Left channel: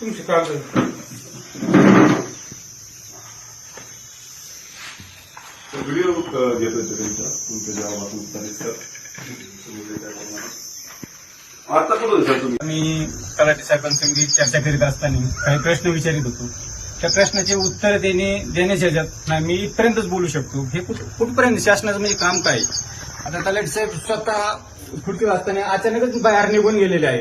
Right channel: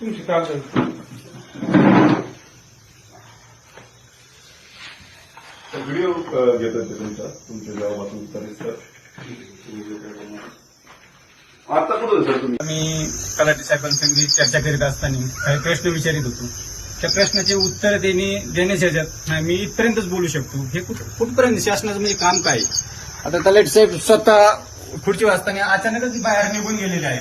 तुमचे काम व्हिडिओ घेतोय तुमच्या गावातून सर आता कुठं सर तुम्ही? मी तलाठी साहेबांसंगी चर्चा करीत असताना काही प्रश्न विचारित होतो. त्या प्रश्नाचे उत्तर देण्याच्या नाही मी इथपर्यंतच बोलू शकतो. हे कुठपर्यंत शासनाचं म्हणजे काम काय? आता तलाठी साहेब स्वतः पुढची वाजताना अचानकच बाहेर निघून गेलेले आहे.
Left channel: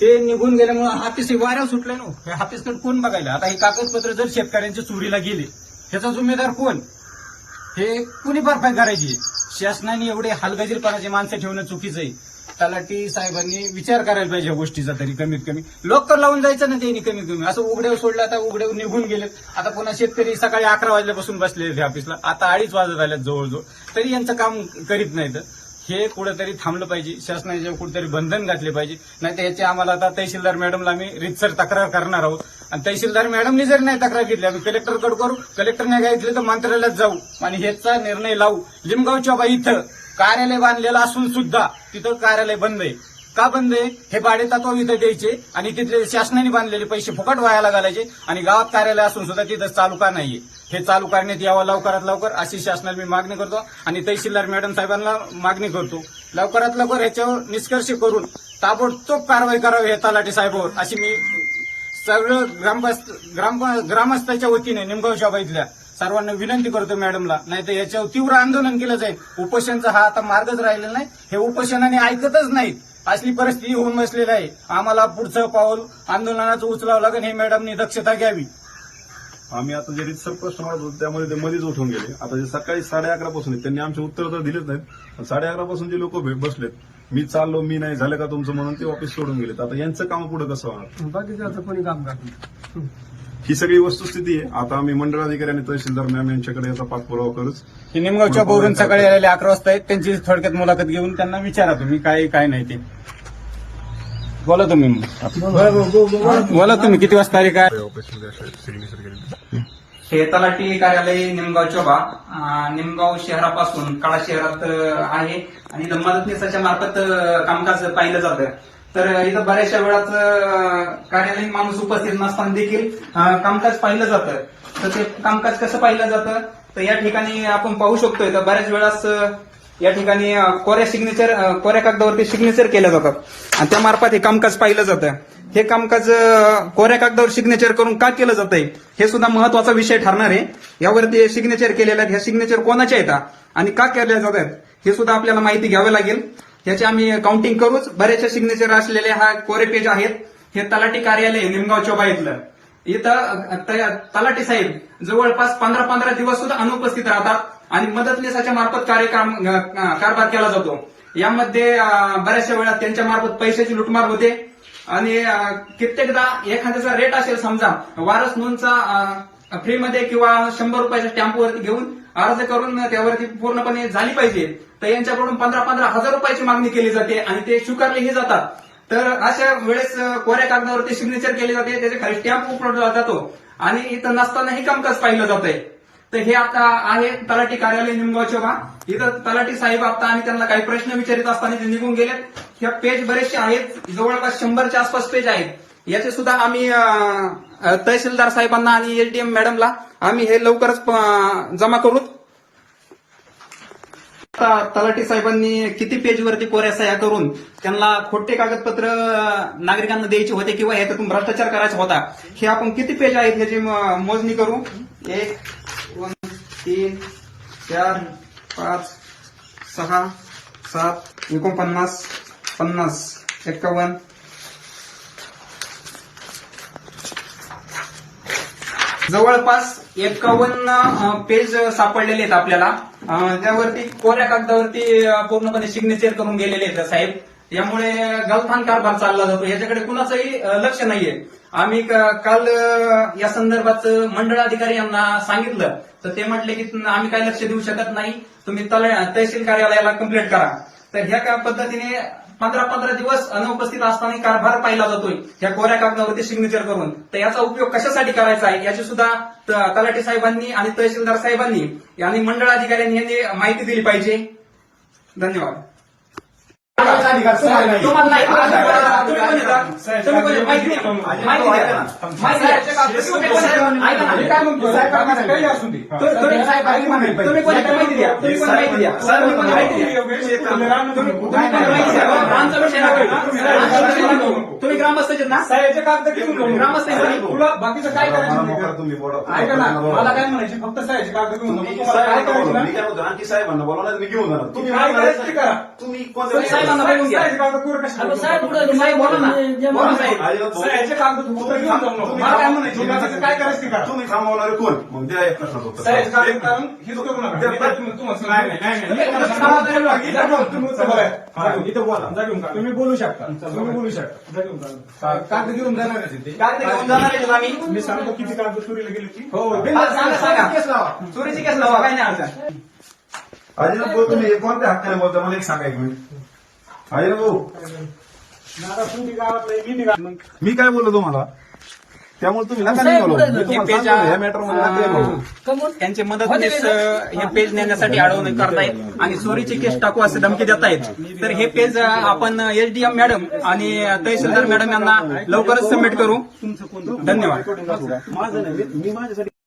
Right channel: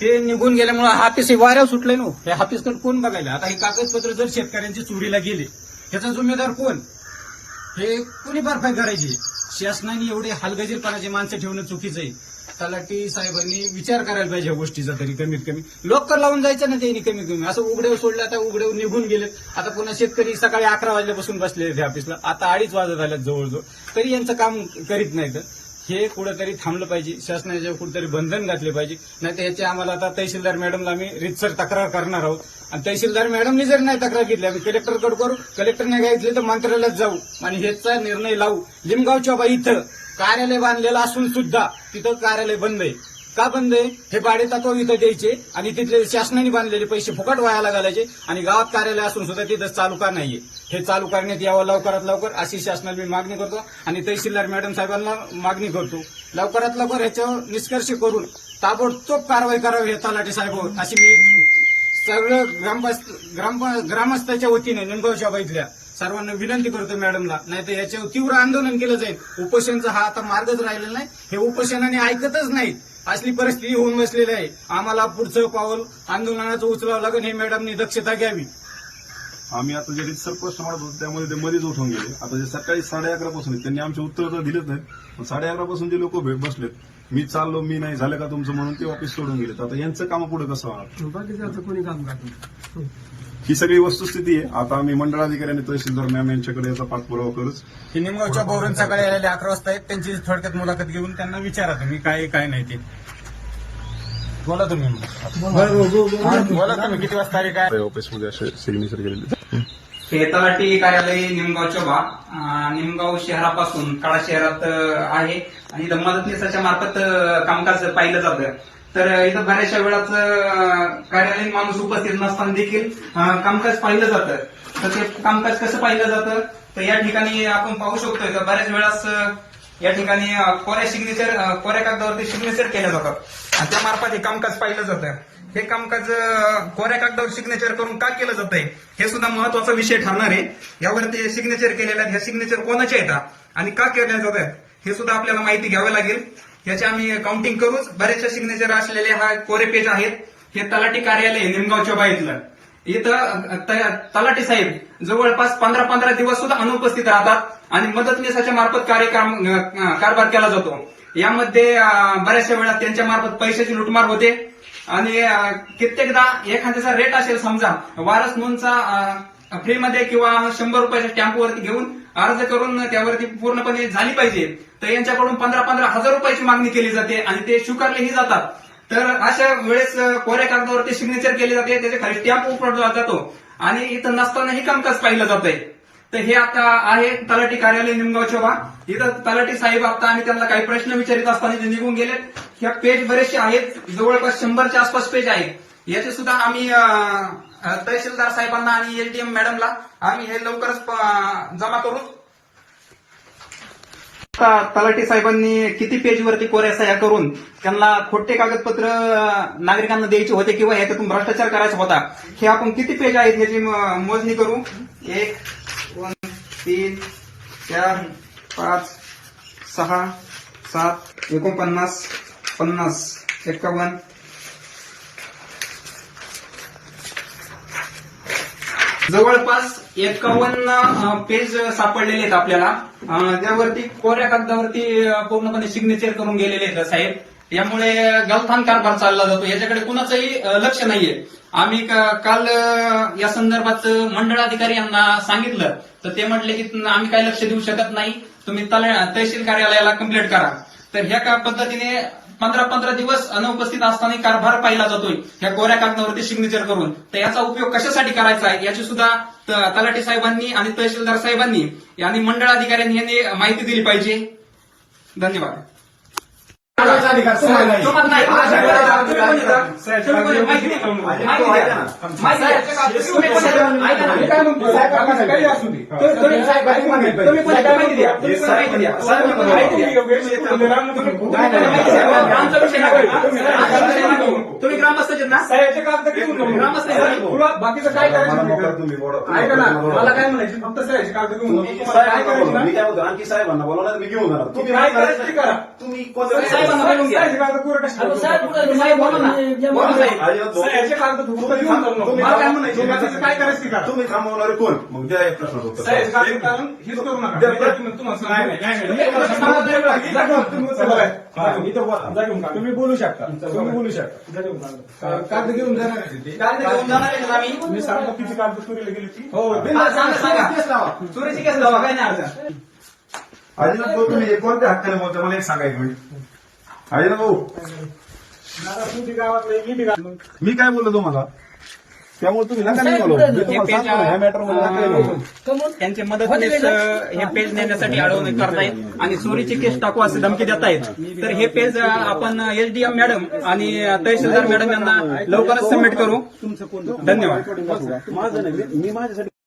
ते निघून गेल्यामुळे हापीस वाऱ्यावर सुटले ना. हे हापीसकडे कोण बघायला? आता हे कागदपत्र जर शेतकऱ्यांच्या चोरीला गेले त्याचा जिम्मेदार कोण? हे कुणी भरपाई करायची? शासनाने एवढे हलगर्जीपणाचे माणसं ठेवणं चुकीचं आहे. तलाठी साहेबांनी विचार करायला पाहिजे या गोष्टीचा. तरी कमीत कमी लॉकर लावून जायचं ना त्यांनी. कमीत कमी असं उघड्यावर सोडलं. आता उघड्यावर निघून गेलेत. आता पुन्हा शेतकरी सकाळी 11 वाजल्यापासून बसलेले ऑफिसला. आता 2:30 वाजत आल्यात जवळजवळ. तरी यांचं काम करीत नाहीत. हे कुठेतरी थांबलं पाहिजे. शासनाने कुठेतरी बंधन घातले पाहिजे. नाही तर याची आम्हाला आता तहसीलदार मॅडमला आम्ही रितसर तक्रार करणार आहोत. आणि तहसीलदार मॅडमनी जर नाही तक्रार घेतली आम्ही कलेक्टरकडे करू. कलेक्टर नाही घेतले तर मंत्रालयात जाऊ आणि ह्याचा निर्णय लावू. लिमगावच्या बाई इथं कार्यालय बांधलेलं असून सुद्धा तिथं कार्यालय बंद आहे. का बंद आहे? हे भाडे तत्व इथं द्यायचे आणि तिथले शासनाने बांधलेले पैसे फुकट वायाला घालायचे आणि गावात कार्यालय असून सुद्धा तिथं चालू का नाहीये? हे चालू करण्यात यावं लवकरात लवकर अशी शासनाला मी मागणी करतो आणि तहसीलदार मॅडम साहेबांना मागणी करतो. लवकरात लवकर ह्याच्यावर निष्कर्ष करून ताबडतोब कारवाई करावी हे तलाठी साहेबांवर अशी मी सगळं ग्रामस्थाच्या वतीने निमगावच्या बाईतल्या सर्वांना विनंती करतो मॅडमला. नाही तर याच्यावर तीव्र आंदोलन केलं जाईल. उपोषणचा हा आता मार्गच राहिलेला नाही. हे उपोषणाने ऐकतच नाहीत. असली परिस्थिती होऊन बसलेली आहे. आम्हाला पुढचं पाऊल आंदोलनाचं उचलावं लागेल. हे मॅडमनी दक्षता घ्यावी. आम्ही आता जे सर प्रश्न म्हणत होतो त्यामुळे ते मध्येच उठून गेले. आता जे सकाळी 11:30 पासून त्यांनी आमचे उत्तर तर दिलेच नाहीत. 11:30 पासून जे लोक बसलेत मी चाललो मी नाही झालं का तुमचं म्हणून ते ऑफिस सोडून गेलेत. आता यांचं काम पुढे कसं होणार? बाकीचं कोणी काम करत. ही सगळी वस्तुस्थिती आहे. आता आम्ही मंडळाधिकारी आणि तहसीलदार मॅम यांच्याकडे याचा पाठपुरावा करूच. ही निमगावच्या बोरून सकाळी आलेले 11 वाजता आहेत. त्यांची थोडक्यात मुलाखत घेऊन त्यांना विचारा तुम्ही काय नाही ते. बोला तुम्ही. बोला तुम्ही किती वाजता आले काय? ऑफिसमध्ये असे सिग्नेचर केलेले. हे तलाठी कार्यालय निमगावच्या निमगाव शहरापासून काळा शहरात आहे आणि इथं मदतनीसाच्या मार्फत कामकाज पाहिलं जातं. तर इथं बऱ्याचशा वेळाच कार्यालयीन माणूस उपस्थित नसताना देखील कामकाज पाहिलं जातं. तर ते कामकाज कसं पाहिलं जातं तर या ठिकाणी आपण पाहू शकतोय तर बऱ्याच वेळास या ठिकाणी कोऱ्या कागदावरती सिग्नेचर केलं जातात आणि त्या मार्फत हे कामकाज पाहिलं जातं. हे कामकाज कोऱ्या कागदावर सिग्नेचर करून का केलं जातंय हे सुद्धा महत्वाचा विषय ठरणार आहे. यावरती सिग्नेचर केलेल्या आहेत. ह्या सिग्नेचर कोणाच्या येतात आणि का केल्या जातात हे सुद्धा आपल्याला माहिती घ्यावं लागेल. याची आम्ही काउंटिंग करूच. बरेचसे सिग्नेचर असलेले हा कोरे पेज आहेत. हे तलाठी कार्यालय निमगावच्या बाईतलं. इथं तलाठी साहेब जवळपास 15 दिवस सुद्धा अनुपस्थित राहतात आणि मदतनीसाच्या मार्फत कारभार केला जातो. यामध्ये बऱ्याचशा वेळा त्यांच्या मार्फत पैशाची लुटमार होते आणि कित्येकदा एखाद्याचा रेट असेल समजा वारस नोंदचा फ्रीमध्ये किंवा 100 रुपयाच्या टॅम्पवरती घेऊन अर्ज करून त्यावरती पूर्णपणे झाली पाहिजे तर यांच्याकडून 15 हजार रुपयाची मागणी केली जाते आणि ते स्वीकारलेही जातात. तर अशा वेळेस कोऱ्या कागदावरती सिग्नेचर केली जाते. त्याच्या खाली स्टॅम्प उपलब्ध जातो आणि इथं नसतानाही कामकाज पाहिलं जात आहे. तर हे आता आहे तलाठी कार्यालय निमगावच्या इथं तलाठी साहेब आता आणि त्यांना काही प्रश्न विचारित असताना ते निघून गेलेत. ह्या पेज बरेचसे आहेत. जवळपास 100च्या आसपास पेज आहेत. याचे सुद्धा आम्ही तहसीलदार साहेबांना आणि एलटीएम मॅडमला आम्ही हे लवकरच जमा करू. तलाठी साहेबांनी किती पेजवरती कोऱ्या सह्या करून त्यांना खोटे कागदपत्र नागरिकांना द्यायचे होते किंवा ह्याच्यातून भ्रष्टाचार करायचा होता हे आपण किती पेज आहेत ह्याची मोजणी करू. 1 2 3 4 5 6 7 49 50 51 जवळपास 51 पेज सापडलेले आहेत आपल्याला. त्यावरती कोऱ्या कागदावरती पूर्णपणे सिग्नेचर करून गेलेले आहेत साहेब. यामुळे गलथान कारभार चालला जातो. याच्याकडे कुणाचंही लक्ष नाहीये. आम्ही काल या संदर्भात मंडळाधिकारी यांना सांगितलं तर ते म्हटले की आम्ही काही लक्ष देऊ शकत नाही. तुम्ही तहसील कार्यालयाला कंप्लेंट करा. तर ह्या पद्धतीने 15 दिवस अनुपस्थित असताना कारभार पाहिला जातोय ह्या कोऱ्या कागदावरती सिग्नेचर करून. तर याचा उपयोग कशासाठी करायचा आहे याची सुद्धा तलाठी साहेबांनी आणि तहसीलदार साहेबांनी आणि मंडळाधिकाऱ्यांनी यांनी माहिती दिली पाहिजे. धन्यवाद. तुम्हाला नाही. तुम्ही कोणी? माहिती द्या. माहिती द्या. माहिती द्या. तुम्ही कोणी? ऐका ना. मी काय म्हणतो? तुम्ही कोणी? माहिती द्या. तुम्ही कोणी? माहिती द्या. तुम्ही कोणी? माहिती द्या. आमचा विषय नाही. तुम्ही ग्रामस्थ आहेत ना? ग्रामस्थ आहेत ना? बाकीचं काय मला करायचं मोकळा तुम्ही बोला. ऐका ना, मला काय म्हणायची फक्त साहेबची कागद घेऊन नको. तुम्हाला काय साहेबांना करायचं बोला. ना? मी काय म्हणतो आणखी साहेबांना बोला मी घेऊन जाणार तुम्ही काय करायचं ते करा. तुम्ही तुम्ही साहेबांना बोलून घ्या. साहेबची कागद पुरं कशी करतो? साहेब बोला ना. बोला साहेब. साहेबचे कागद फक्त घेऊन जाऊ नको. मला काय म्हणायची बाकीचं काय करायचं ते करा. तुम्ही थांबवणारे कोण मग द्या एक प्रश्न उत्तर. साहेब कागद काढून हीच करू नका. तुम्हाला तुम्ही बोलू शकता. तुम्ही बोलू शकता. कागद घेऊन जाणार का तिथे? कागद घेऊन जाणार आहे आम्ही. मी सांगतो किती कागद चोरीला गेली ती. हा, सांगा सांगा. चोरीची केस लावा. काय नाही अडचण. अजित भाऊ तुम्ही कोणत्या हक्काने बोलता मला एक सांगायचं अजित भाऊ मी काय बोललो तुम्हाला त्यामुळे तुम्ही नका नाही बोलू. मी तुम्हाला सांगतो, या मॅटर मध्ये नका बोलू. त्यांचे मदतनीस हे पेज नेण्यासाठी अडवणूक करतायत आणि चोरीची केस टाकू असे धमकी देत आहेत. तर हे पेज आपण एसडीएम मॅडम आणि तहसीलदार मॅडम यांना लवकरच सबमिट करू. धन्यवाद. माझं नाही मी माझ्यासाठी